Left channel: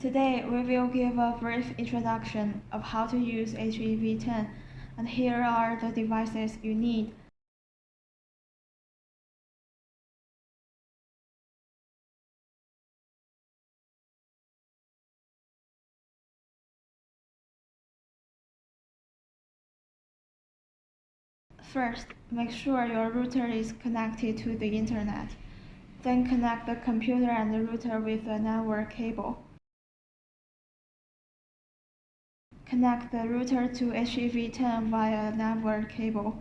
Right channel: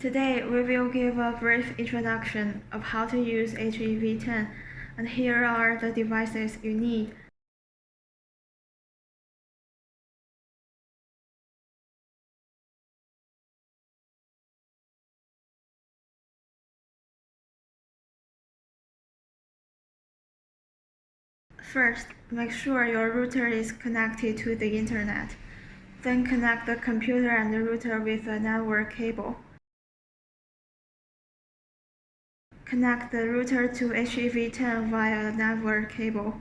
Today, we will give a brief introduction of how to use HEV10, and here are the devices you need. First, make sure your router is connected to the internet. Then connect the computer and the router with a network cable. Connect the router to HEV10 via a network cable.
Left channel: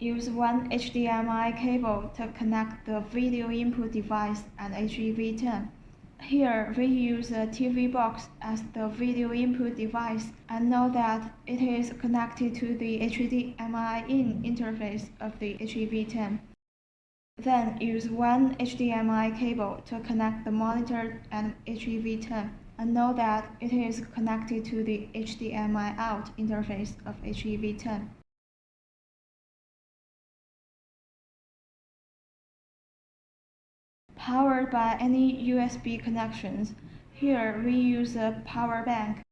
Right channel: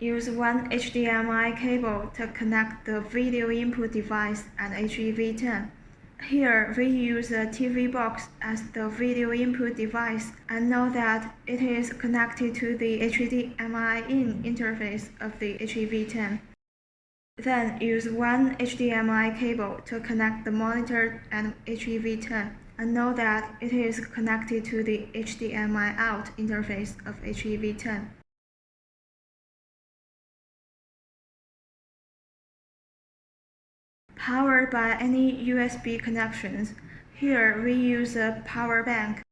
Use one HDMI cable to connect the video input device and HEV10. Here, we use a TV box as the video input device and know that it is connected to the HDMI in interface of the HEV10. Then use one HDMI cable to connect the monitor and HEV10 and know that it is connected to the HDMI out interface of HEV10. Powered by any USB connections, here we use a power bank.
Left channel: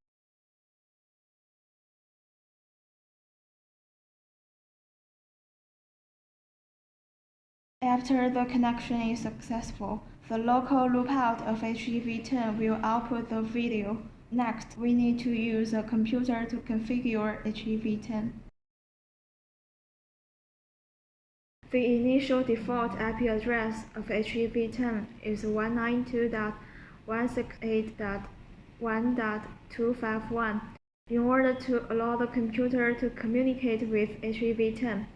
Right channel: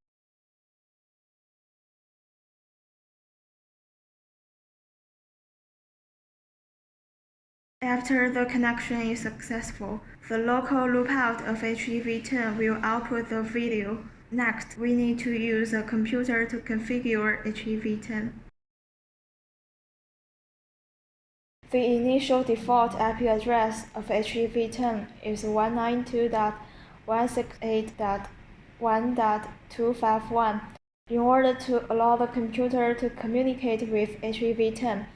After the connection is successful, the local loopout of HEV10 will output the video. Next, we need to use a computer to configure HEV10. The initial default IP address of HEV10 is 192.168.1.251. In order to allow the computer to communicate with HEV10,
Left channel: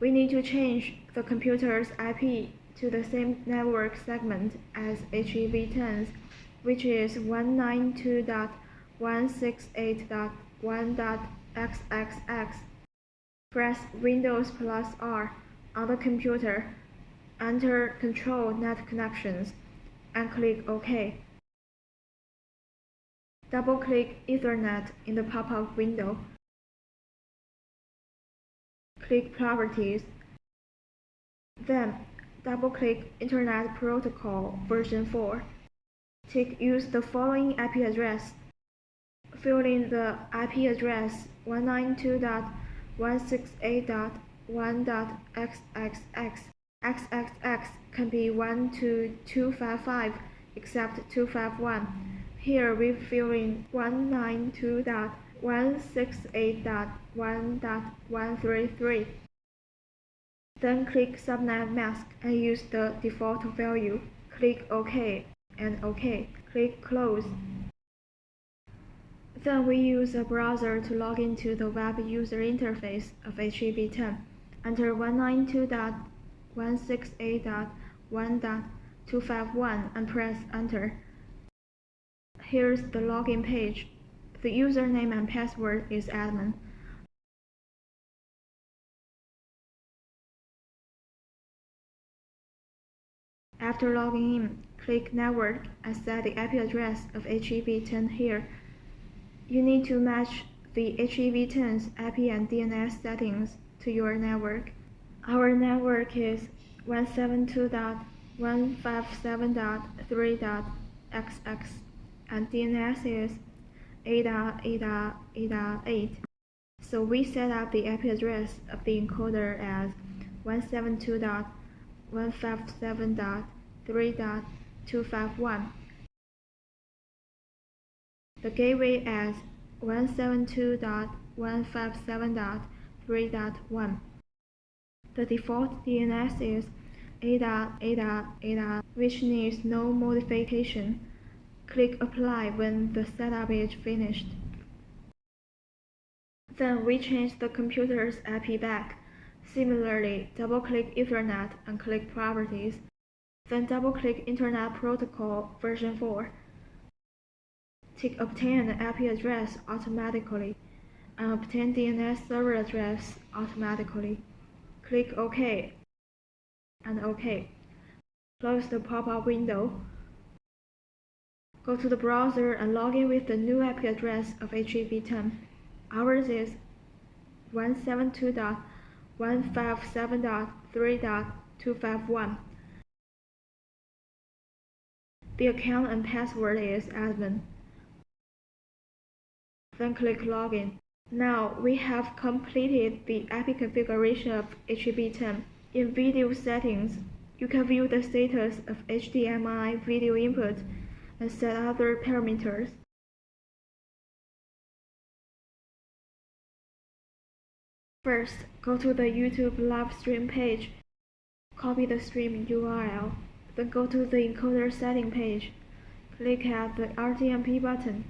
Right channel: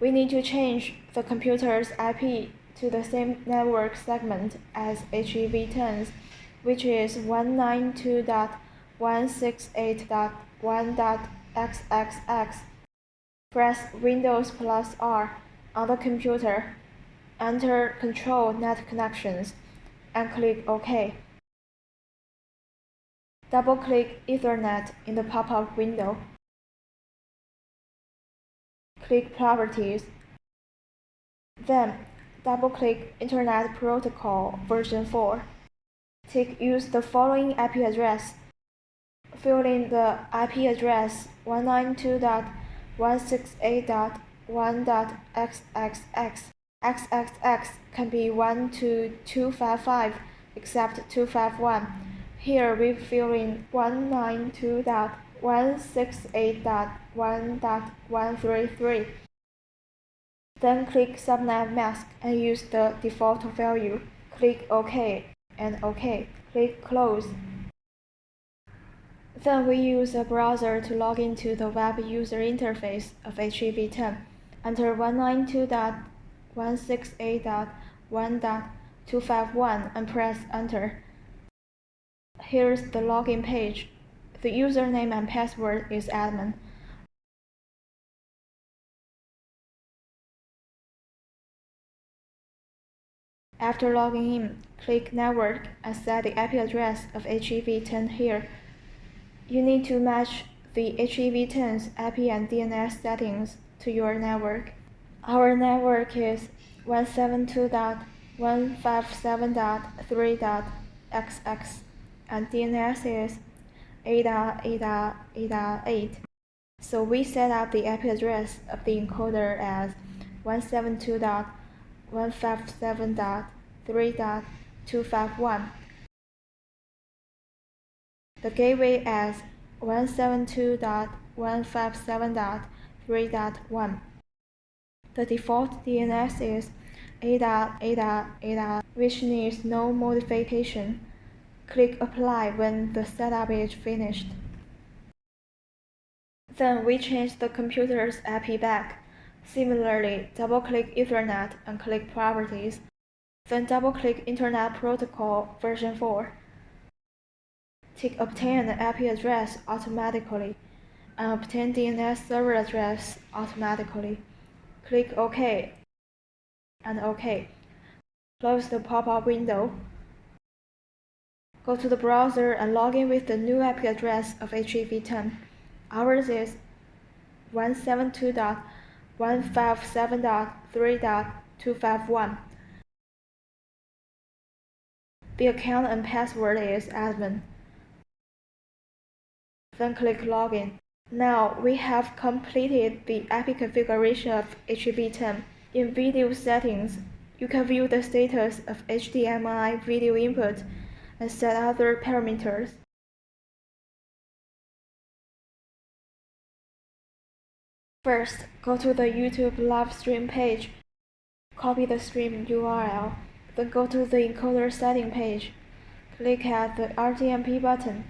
we need to change the computer's IP to the same network segment as HEV10's, which is 192.168.1.xxx. Press Windows plus R on the computer, enter Control Net Connections, and click OK. Double-click Ethernet in the pop-up window. Click Properties. Then, double-click Internet Protocol version 4. Use the following IP address. Fill in the IP address 192.168.1.xxx. XXX can be 1 to 255 except 251. Here we fill in 192.168.1.133. Then click Subnet Mask and use the default value. Click OK and OK. Click Close. Then we use a browser to log into the web user interface of HEV10. Enter 192.168.1.251 and press Enter. Here's the login page. The username and password is admin. After logging in, click Network and set the IP address of HEV10 here. You need to match the HEV10's IP and DNS settings to your network. Our network is 172.157.3.xx and DNS is 8.8.8.8. So we set up the IP address of the encoder as 172.157.3.251. The gateway as 172.157.3.1. The default DNS is 8.8.8, which needs no modification. Click Apply when the setup is finished. Then we change the computer's IP back. Similarly, double-click Ethernet and click Properties. Then double-click Internet Protocol version 4. Tick Obtain an IP address automatically and obtain DNS server address automatically. Click OK and OK. Close the pop-up window. Go to the browser and log in with the new IP address of HEV10. Ours is 172.157.3.251. The account and password is admin. Then click Login. Now we have completed the API configuration of HEV10. In Video Settings, you can view the status of HDMI video input and set other parameters. First, go to the YouTube live stream page. Copy the stream URL. Then go to the encoder setting page. Click at the RTMP button.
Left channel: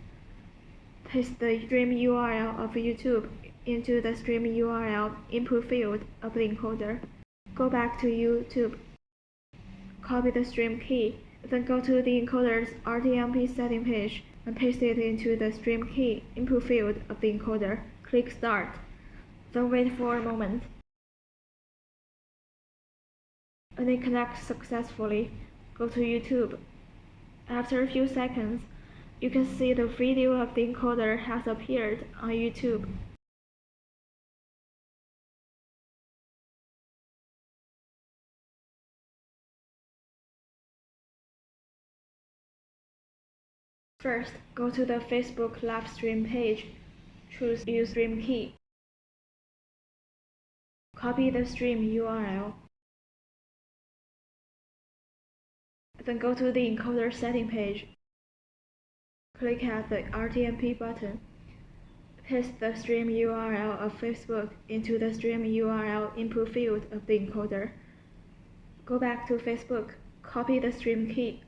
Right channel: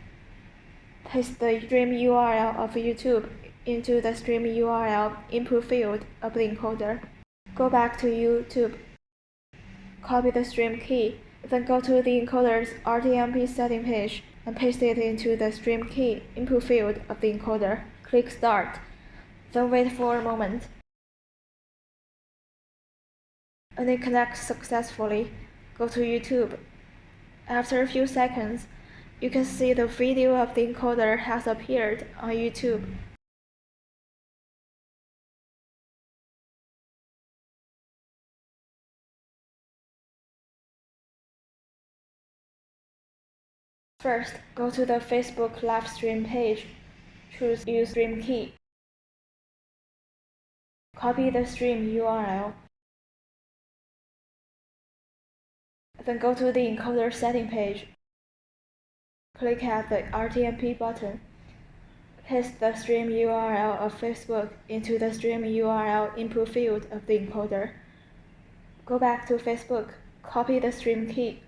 Paste the stream URL of YouTube into the stream URL input field of the encoder. Go back to YouTube. Copy the stream key. Then go to the encoder's RTMP setting page and paste it into the stream key input field of the encoder. Click Start. Then wait for a moment. When it connects successfully, go to YouTube. After a few seconds, you can see the video of the encoder has appeared on YouTube. First, go to the Facebook live stream page. Choose Use Stream Key. Copy the stream URL. Then go to the encoder setting page. Click at the RTMP button. Paste the stream URL of Facebook into the stream URL input field of the encoder. Go back to Facebook. Copy the stream key.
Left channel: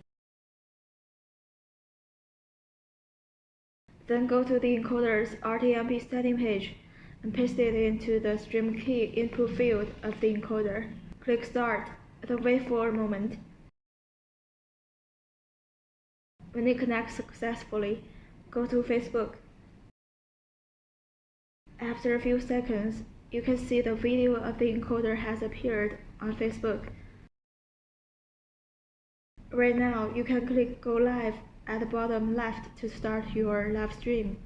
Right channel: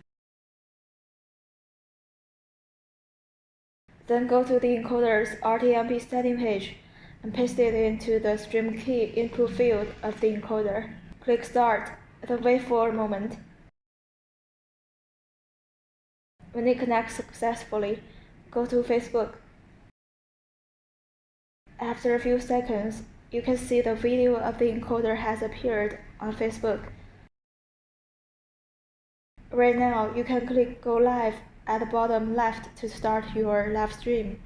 Then go to the encoder's RTMP setting page and paste it into the stream key input field of the encoder. Click Start, then wait for a moment. When it connects successfully, go to Facebook. After a few seconds, you can see the video of the encoder has appeared on Facebook. Right now, you can click Go Live at the bottom left to start your live stream.